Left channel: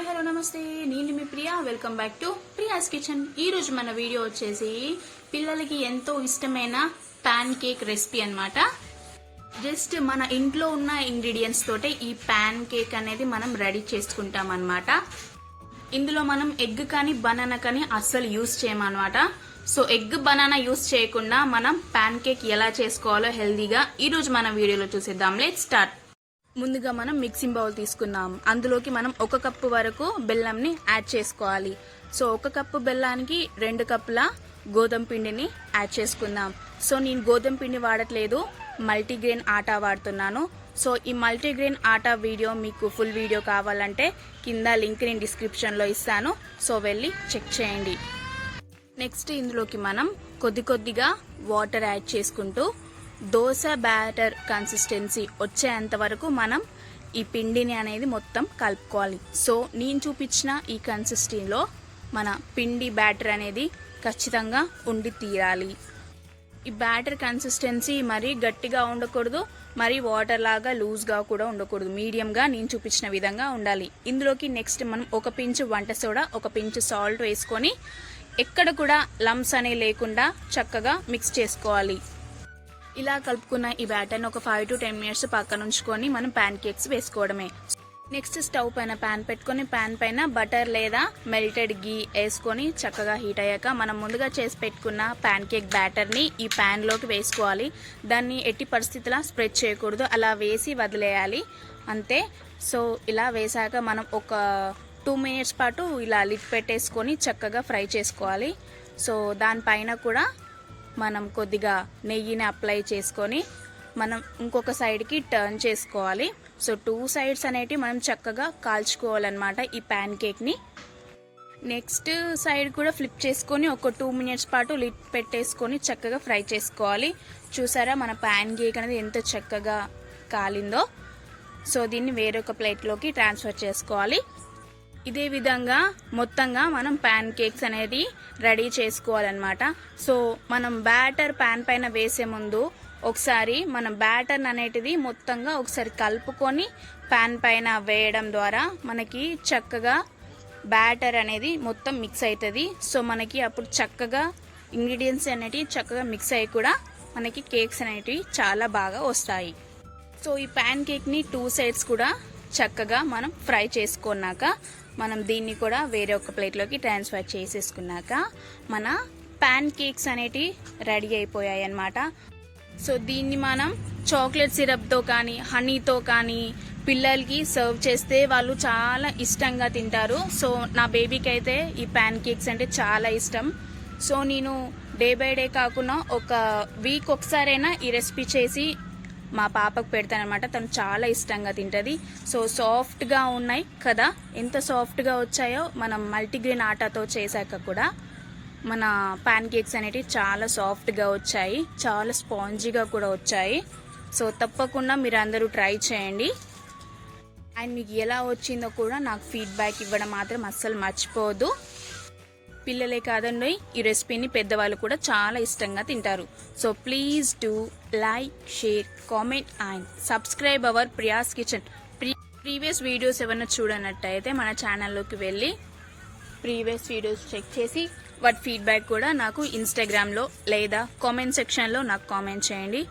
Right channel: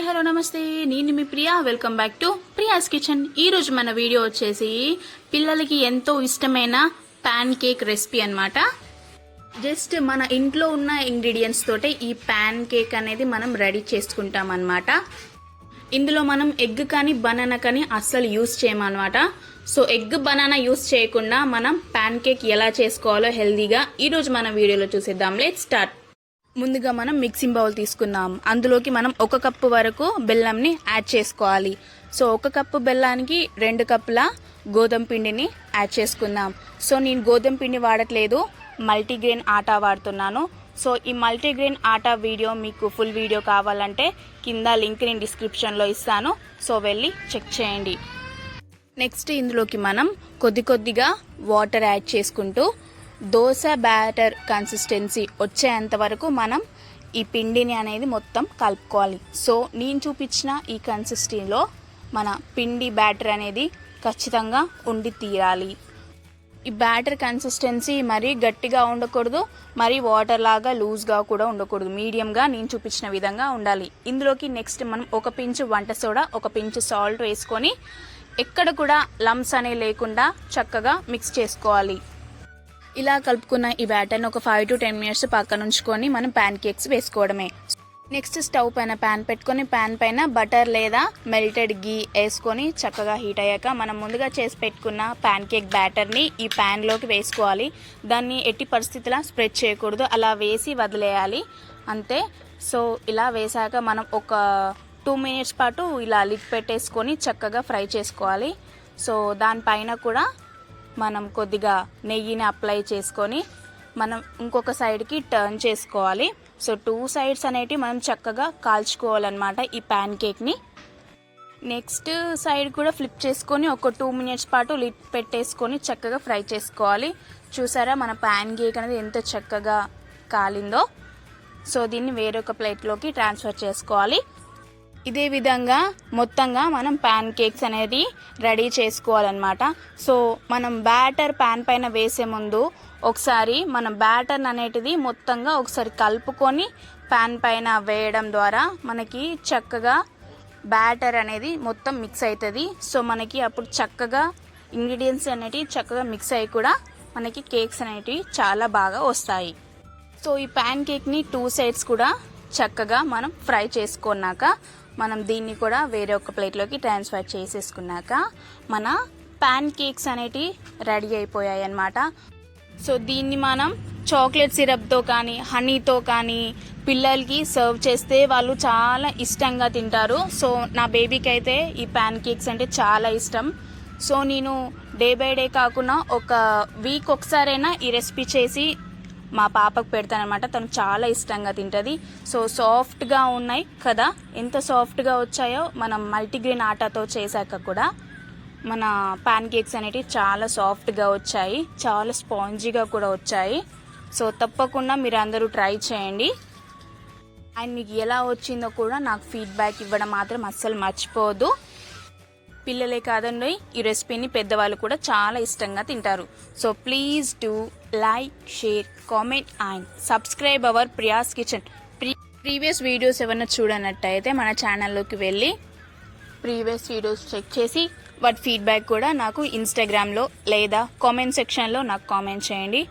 Hi hello నమస్తే, నేను మీ Priya. Welcome back to Priya's kitchen. ఈరోజు మన వీడియో వచ్చేసి పిల్లలకి ఎంతో ఇష్టమైన ప్యాన్ కేక్ రెసిపీ అన్నమాట. జస్ట్ మన ఇంట్లో ఉన్న ఇంగ్రీడియంట్స్ తోటే ఈ ప్యాన్ కేక్ అనేది మనం రెడీ చేసుకుంటాం అన్నమాట. ఇందులో మనం ఎగ్ కానీ బనానా కానీ అస్సలు యూజ్ చేయమన్నమాట. సో ఎగ్ బనానా యూజ్ చేయకుండా మనం ప్యాన్ కేక్ ఎలా చేసుకోవాలో హెల్దీగా ఈరోజు మన వీడియోలో చూసేద్దాం. Let's start. ముందుగా మనం మిక్సింగ్ బౌల్ తీసుకుందాం. అందులోకి మనం 1 కప్పు వరకు బెల్లంని యాడ్ చేసుకోవాలి. సో 1 కప్పు బెల్లానికి 2 కప్పుల గోధుమ పిండిని యాడ్ చేసుకుందాం. సో నేను గోధుమ పిండి వాడట్లేదు, మల్టీగ్రెయిన్ ఆటా వాడుతున్నాను. సో ఈ మల్టీగ్రెయిన్ ఆటా వీడియో మీకు ఫుల్ వీడియో కావాలంటే కింద లింక్ నేను డిస్క్రిప్షన్లో ఇస్తాను. సో వెళ్ళి చెక్ చేయండి. నెక్స్ట్ ఇందులోకి మనం కొద్దిగా వాటర్ యాడ్ చేసుకుంటూ దోశ బ్యాటర్ కన్సిస్టెన్సీ వచ్చేంత వరకు మనం ఈ పిండిని అనేది మొత్తం కలుపుకోవాలి. సో నేను చూపించిన ఈ కన్సిస్టెన్సీలో మన పిండి బ్యాటర్ అనేది ఖచ్చితంగా ఉండి తీరాలి. ఈ బ్యాటర్ కన్సిస్టెన్సీ మరీ గట్టిగా ఉండకూడదు, మరీ వాటర్ లాగా లూజ్గా కూడా ఉండకూడదు. మీడియంగా నేను చూపించిన విధంగా ఉండాలి. ఇందులోకి నెక్స్ట్ మనం 1 పించ్ వంట సోడా, 1 పించ్ సాల్ట్ వేసుకొని ఎక్కడ కూడా లంప్స్ అనేవి లేకుండా చక్కగా మిక్స్ చేసుకోవాలి. ఇలా కలుపుకున్న ఈ బ్యాటర్ని ఒక 5 to 10 minutes పక్కన ఉంచుకొని మనం ప్యాన్ కేక్స్ వేసుకోవడమే. నెక్స్ట్ స్టవ్ పైన ప్యాన్ పెట్టుకొని ప్యాన్ పైన బటర్ లేదా మెల్టెడ్ గీ వేసుకొని చక్కగా హీట్ అయ్యాక మనం ముందుగా చేసి పెట్టుకున్న ప్యాన్ కేక్ బ్యాటర్ని ఈ ప్యాన్లోకి వేసుకోవాలి. దాన్ని ఎట్టి పరిస్థితుల్లో స్ప్రెడ్ చేయకూడదు, అలా వేసి వదిలేయాలి అంతే. సో ఇలా వేసాక మనం ఒక 2 minutes పాటు ఇలా లిడ్ పెట్టేసుకొని చక్కగా ఫ్రై చేసుకోవాలి. సో దానిపైన కూడా మనం కొద్దిగా నెయ్యిని అప్లై చేసుకొని మనం ఇంకొక సైడ్కి టర్న్ చేసుకోవాలి. సో 2 sides అనేటివి మనం చక్కగా కాల్చుకోవాలన్నమాట ఈ ప్యాన్ కేక్ని. నెక్స్ట్ సైడ్ కూడా ఫ్లిప్ చేసుకొని ఒక 2 minutes పాటు లిడ్ పెట్టేసుకొని చక్కగా ఫ్రై చేసుకోవాలి. చూసారా మన ప్యాన్ కేక్ అనేది ఎంత చక్కగా కాలిందో. సో దీన్ని వేరొక ప్లేట్లోకి ట్రాన్స్ఫర్ చేసుకోవాలి. ఇదే విధంగా మొత్తంగా మనం ప్యాన్ కేక్స్ అనేది రెడీ చేసుకోవాలన్నమాట. సో మనం బ్యాటర్ ప్యాన్ పైన వేసే ముందు ఒకసారి మనం బ్యాటర్ అనేటిది మొత్తంగా ఒకసారి కలుపుకొని ప్యాన్ పైన వేయడం ద్వారా మనకి చక్కగా బ్యాటర్ అనేది మొత్తం మిక్స్ అవుతుంది. సో మనకి అప్పుడు చక్కగా ఇంగ్రీడియంట్స్ అనేటివి చక్కగా మిక్స్ అయ్యి కూడా మనకి కేక్స్ అనేటివి చాలా బాగా వస్తాయి. సో ఈ ప్యాన్ కేక్ని 2 sides కూడా చక్కగా మనం ఫ్రై చేసుకున్నాక మనం దీన్ని కూడా వేరే ఒక ప్లేట్లోకి ట్రాన్స్ఫర్ చేసేసుకున్నాక మన ప్యాన్ కేక్స్ అనేటివి రెడీ అయిపోయాయి అన్నమాట. సో దీన్ని మనం చాక్లెట్ సిరప్తో కానీ హనీతో కానీ పిల్లలకి సర్వ్ చేస్తే వాళ్ళు చాలా ఇష్టంగా తింటారు. సో నా బేబీకి అయితే ఈ ప్యాన్ కేక్స్ అంటే చాలా ఇష్టం. సో నేను డే బై డే కాకుండా ఒక వీక్ ఒకసారైనా ఈ రెసిపీ చేసి మా పాపకు పెడతానమాట. తను చాలా ఇష్టంగా తింటుంది. సో సాఫ్ట్గా ఉన్నాయి కదా, ఎంత సాఫ్ట్గా వచ్చాయో మనం మల్టీగ్రెయిన్ ఆటాతో చేశాక కూడా మన ప్యాన్ కేక్స్ అనేటివి చాలా సాఫ్ట్గా వచ్చాయి, చాలా స్పాంజీగా కూడా వచ్చాయి. సో తప్పకుండా మీరు అందరూ ట్రై చేయండి. అండ్ మీకు ఎలా వచ్చిందో కూడా నాకు ఫీడ్బ్యాక్ ఇవ్వడం మాత్రం అస్సలు మర్చిపోవద్దు. పిల్లలే కాదండి, ఈ రెసిపీని పెద్దవాళ్ళు కూడా చాలా ఇష్టంగా తింటారు. So please do like, share, comment and subscribe our Priya's kitchen. Previous videos ఏమైనా చూడనట్టయితే మన ఛానల్లోకి వెళ్ళి ప్రీవియస్ వీడియోస్ చెక్ చేసి వాటి ఫీడ్బ్యాక్ కూడా నాకు ఇన్స్టాగ్రామ్లో లేదా కామెంట్ సెక్షన్లో నాకు కామెంట్ చేయండి.